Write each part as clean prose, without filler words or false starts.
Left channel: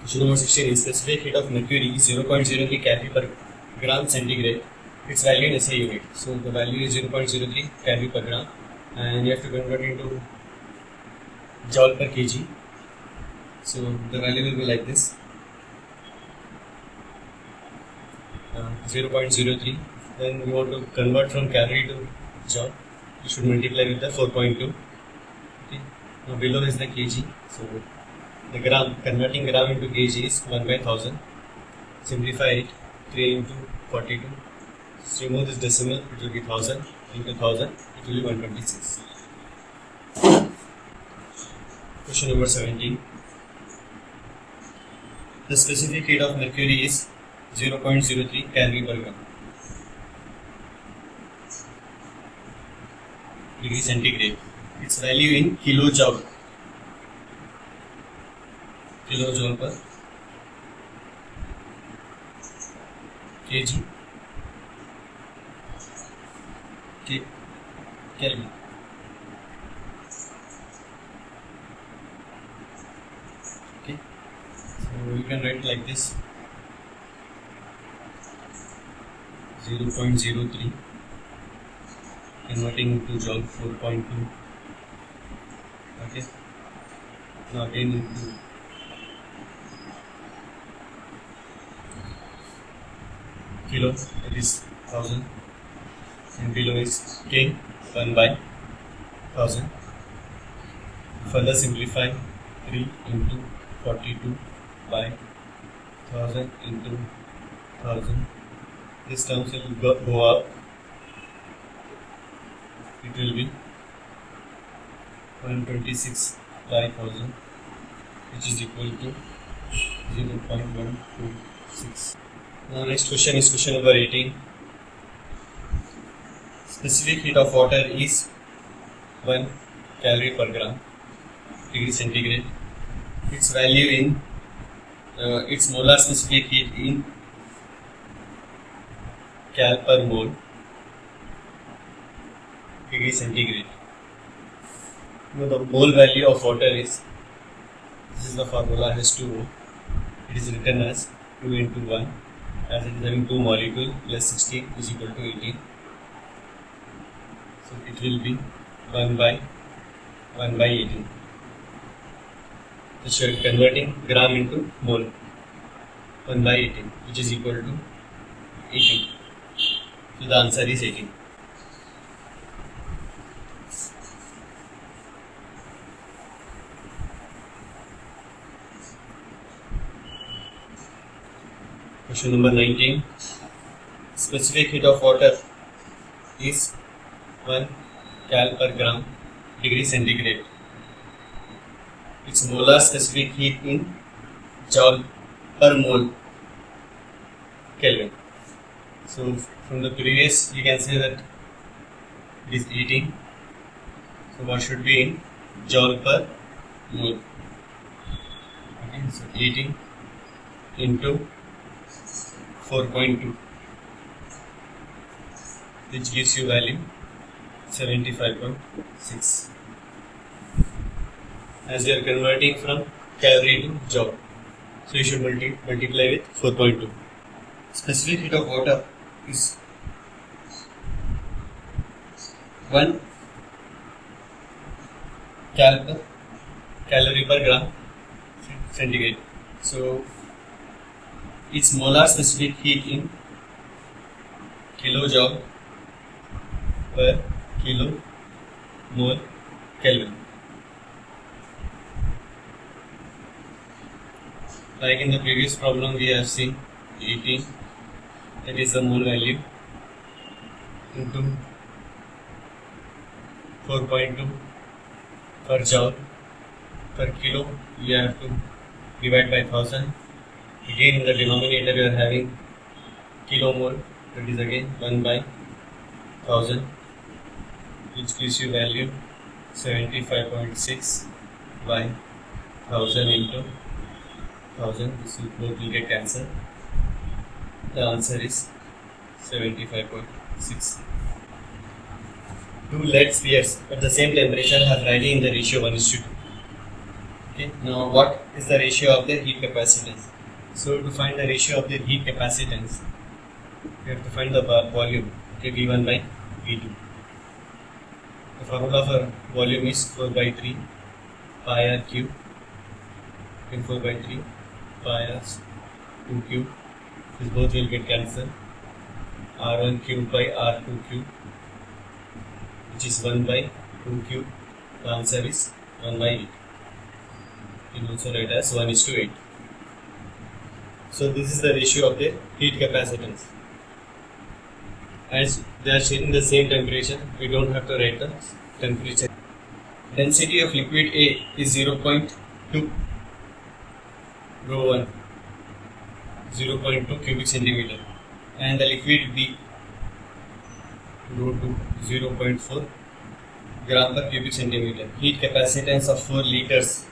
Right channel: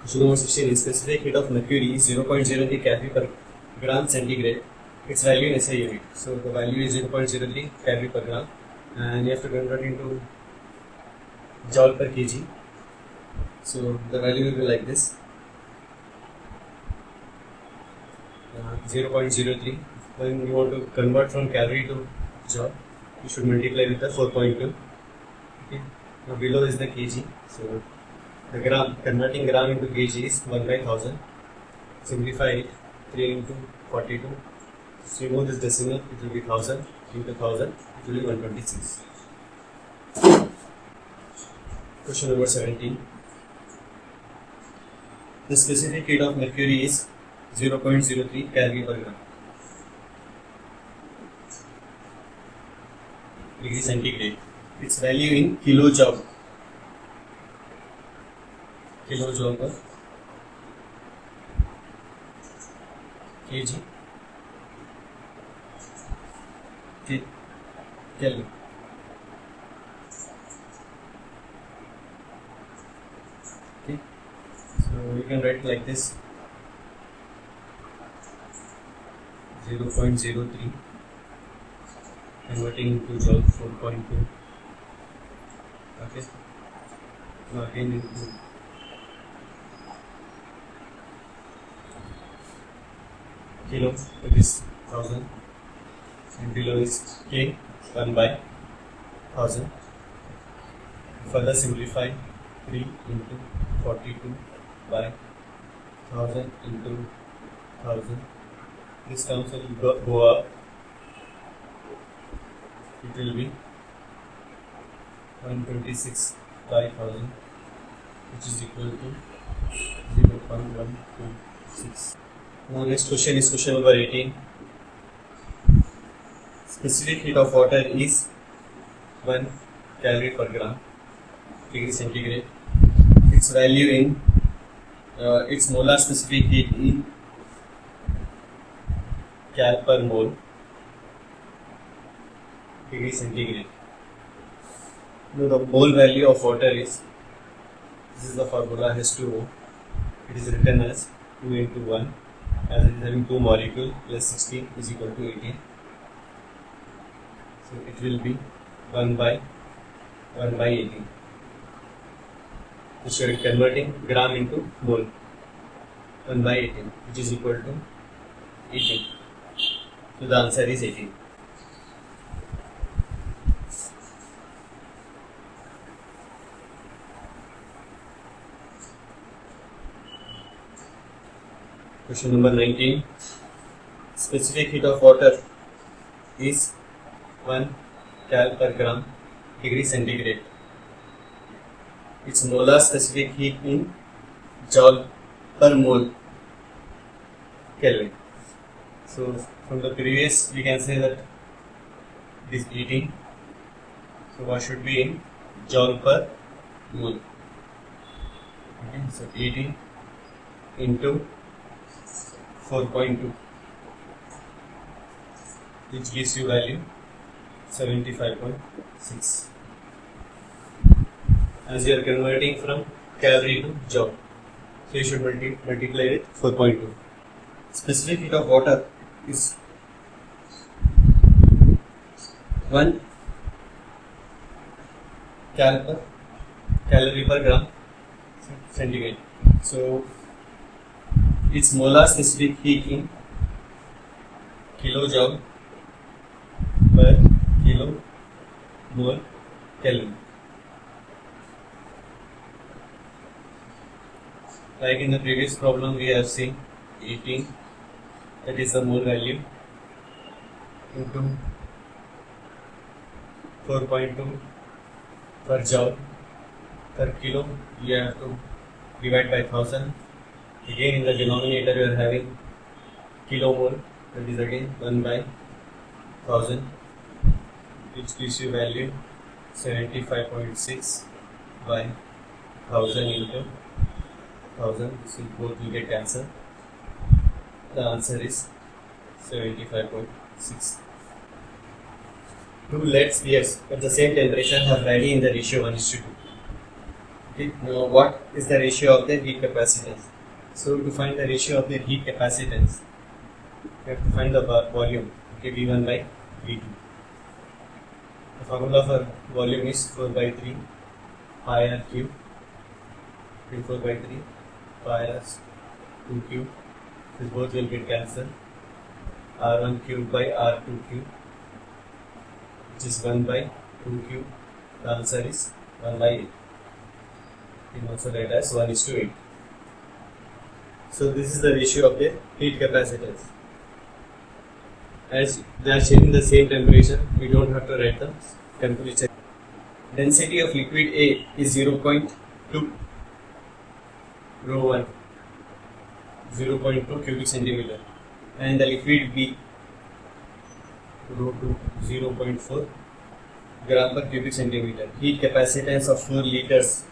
Question number 16 is specific heat of mercury is 0.03 calorie per gram centigrade. Its value in SI unit. So the value is 0.03 calorie per gram, and you have to convert into joule per kg. So the value will be like this: 0.03. Then you want to convert from calorie to joule. You should multiply with the 4.2. Okay. Now below is the kg. So the gram, converting gram into kg is 1 by 1000. Simplify it, 3 into 42. So remove this decimal, it will be 1000 into 1000, it will be 126. Question number 17. The specific heat of mercury is 0.03 calorie per gram. Degree centigrade. Its value in kilojoule. Kilojoule per kg Kelvin. Okay, so you can write like this: 0.03 converting into joule 4.2. Okay, now again into kilo, that is 1000, and below is K, 1 by 1000. Further simplify, 3 into 42 by 1000 into 1000. This terms will go up. It will be 126 by 1000, which is equal to 0.126. Now next question is question number 18. Specific heat of water is 1 calorie per gram degree centigrade. Its value in its molar specific heat in cal per mole degree centigrade. Now the mole value of water is, this is the formula, H2O. It is written as 2 into 1, as it is having 2 molecules, plus 16 is equal to 18. So it will be 1 by 18. So you are converting gram into mole. 1 by 18, which is equal to 18. So the answer is 18. Question number 19. Specific heat of water is 1 cal per gram degree centigrade. Its molar specific heat in joule per mole Kelvin. So from the previous we can say that it is 18. So what should be in joule per mole? Okay, so 18 into 4.2, which gives you value 75.6. As you are converting from calorie to joule, so you should multiply with 4.2. Specific heat of water is 1 calorie per gram centigrade. So its molar specific heat in kilojoule per kilo mole Kelvin. Like in the previous problem we have seen 18, that is the mole value, into 4.2 per joule per kilo, you have to divide by 1000. Again in the denominator you are having kilomole, that is again 1 by 1000, which gives you value 75.6 by 1000 into 1000. This will both will get cancelled. The answer is 75.6. Two lead spheres at the same temperature have Rayleigh in the ratio 1:2. Okay, now what is the ratio of their heat capacitance? So to find the ratio of their heat capacitance, we have to find the volume, okay, V1 by V2. The formula for volume is 4 by 3 pi r cube, and 4 by 3 pi r 2 cube. This both will get cancelled. R1 cube by R2 cube, which is 1 by 2 cube. The answer is 1 by 8. You can also write as 1:8. So this is the ratio of the heat capacitance. As they are sharing the same temperature, we don't have to write the temperature. Density of liquid A is 0.2 rho 1, 0.2 cubic centimeter, and the liquid B rho 2, 0.4 gram per cubic centimeter. Heat capacitance of 4 liters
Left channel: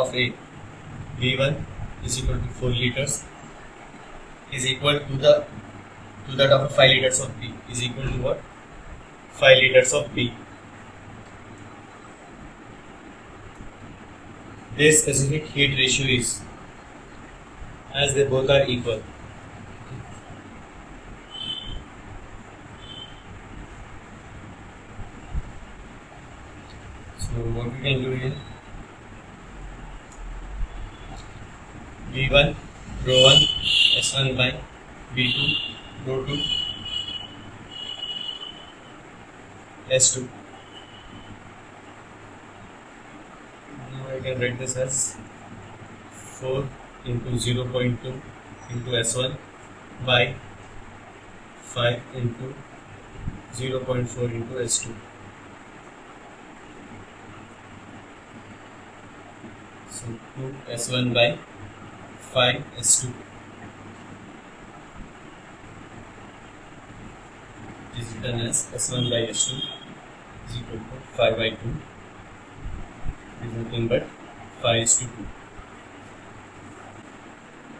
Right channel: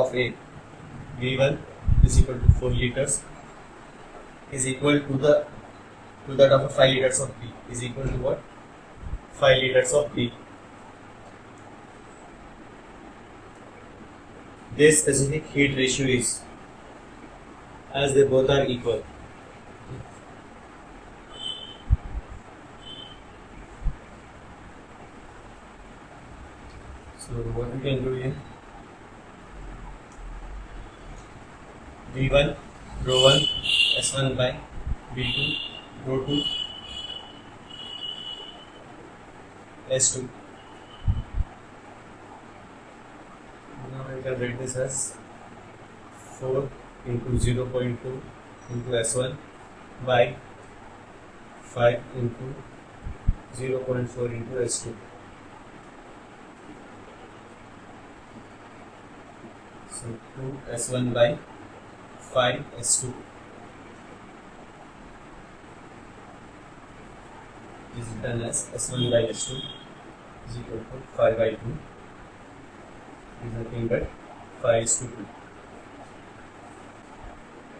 of A, V1 is equal to 4 liters, is equal to that of 5 liters of B, is equal to what? 5 liters of B. Their specific heat ratio is, as they both are equal. So what we can do here, V1 rho 1 S1 by V2 rho 2 S2. Now I can write this as 4 into 0.2 into S1 by 5 into 0.4 into S2. So 2 S1 by 5 S2 is written as S1 by S2 is equal to 5 by 2, is nothing but 5:2.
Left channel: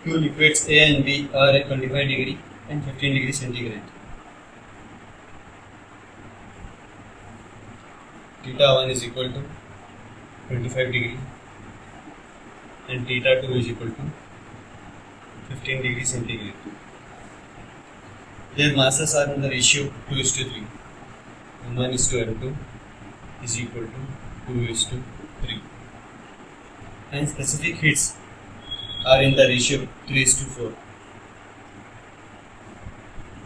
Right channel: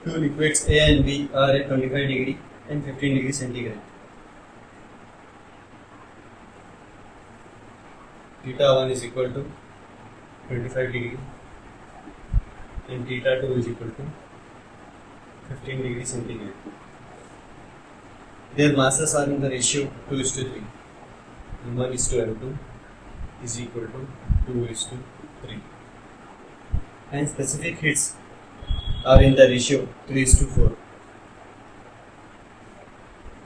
Two liquids A and B are at 25 degree and 15 degree centigrade. Theta 1 is equal to 25 degree and theta 2 is equal to 15 degree centigrade. Their masses are in the ratio 2:3. M1 is to M2 is equal to 2:3. And specific heats are in the ratio 3:4.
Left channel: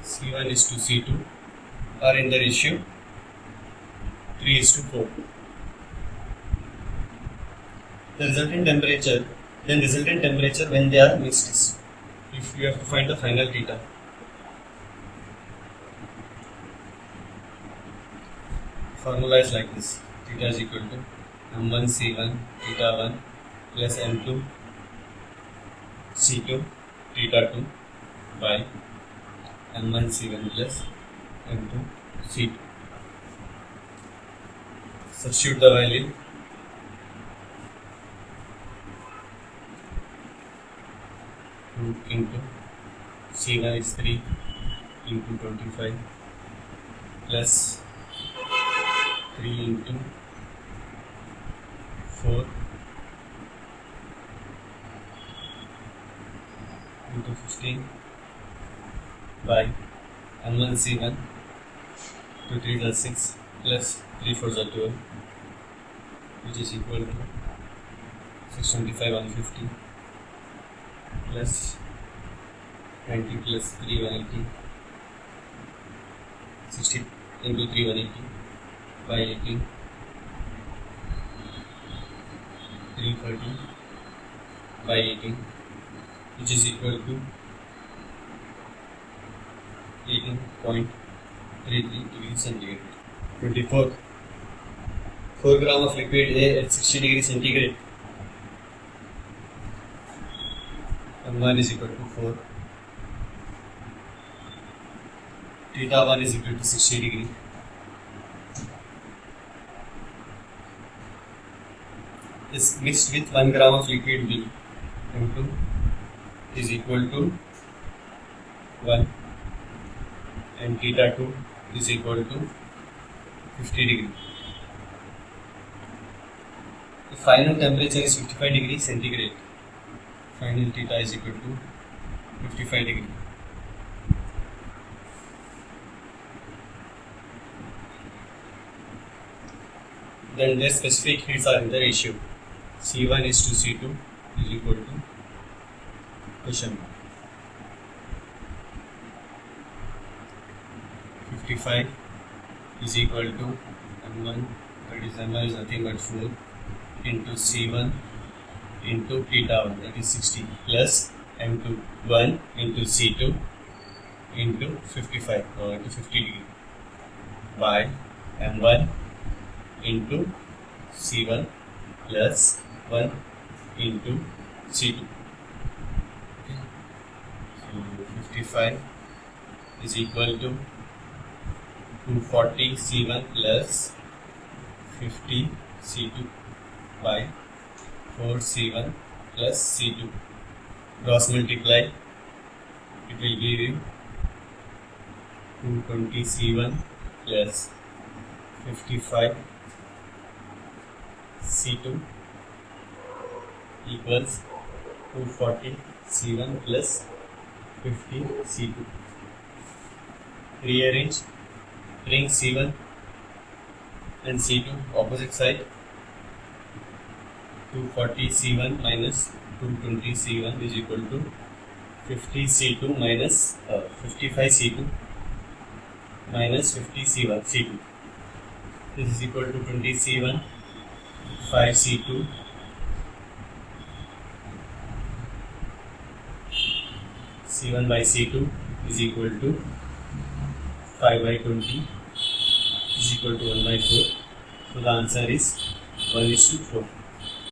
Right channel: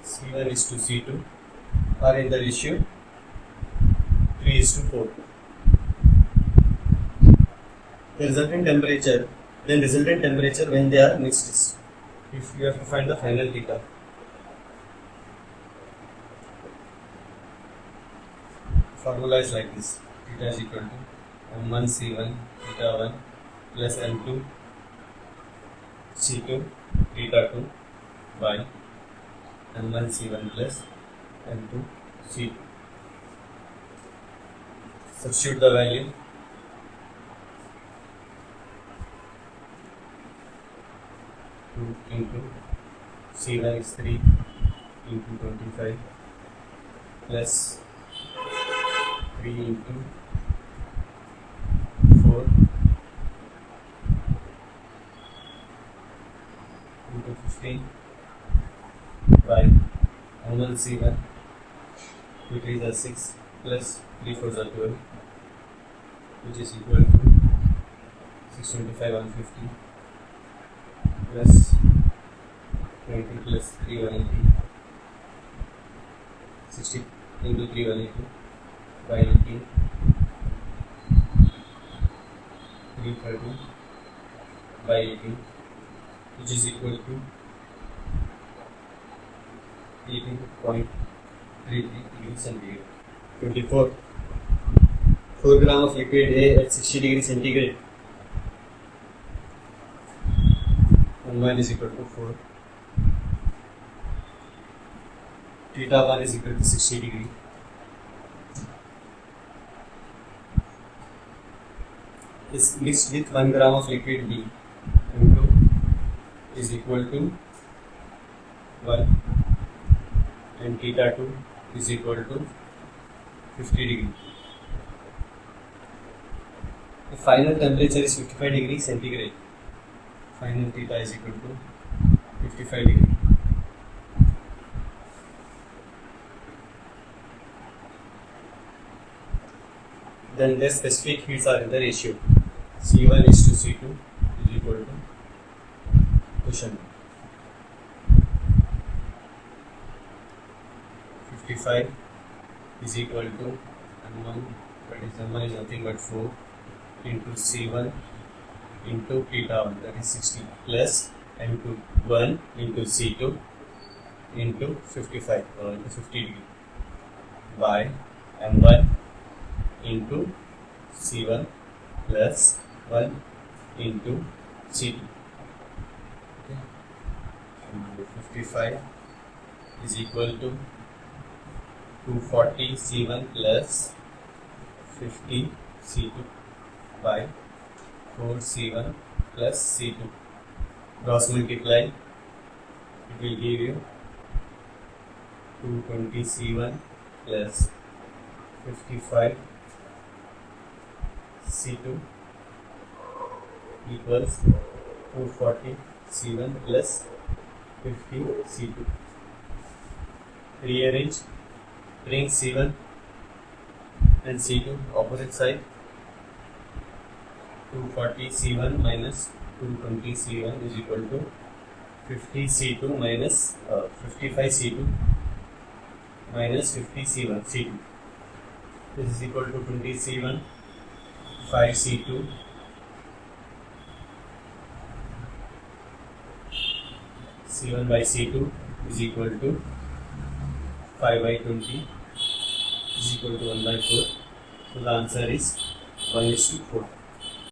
C1 is to C2 are in the ratio 3:4. The resultant temperature when they are mixed is, if you have to find the final theta. Formula is like this: theta is equal to M1 C1 theta 1 plus M2 C2 theta 2 by M1 C1 plus M2 C2. Substitute the value. Into C1 is 3 into 25 plus 3 into 4 into 15 by M1 C1, 2 3s are 6 plus 3 4s are 12, which is equal to 625 150 plus 20 plus 3 180, 60 into 3 180 by 18, 330 by 18, which is equal to 18.33 degrees centigrade. 24. 4 gram of liquid A at 60 degrees centigrade. M1 is equal to 4. Theta 1 is equal to 60 degree. Is mixed with 1 gram of liquid B. M2 is equal to 1 and theta 2 is equal to 50 degree. The final temperature is 55 degrees centigrade. Final theta is equal to 55 degree. Then their specific heats are in the ratio C1 is to C2 is equal to question 55 is equal to M1, that is M1 is nothing but 4 into C1 into theta 1, that is 60, plus M2 1 into C2 into 55 or into 50 degree by M1 into C1 plus 1 into C2. Okay. So 55 is equal to 240 C1 plus 50 C2 by 4 C1 plus C2. Cross multiply, it will give you 220 C1 plus 55 C2 equals 240 C1 plus 50 C2. Rearrange, bring C1 and C2 opposite side. 240 C1 minus 220 C1 is equal to 50 C2 minus 55 C2 minus 50 C1 C2. This is equal to 20 C1, 5 C2 C1 by C2 is equal to 5 by 20 is equal to 1 by 4. So the answer is 1:4.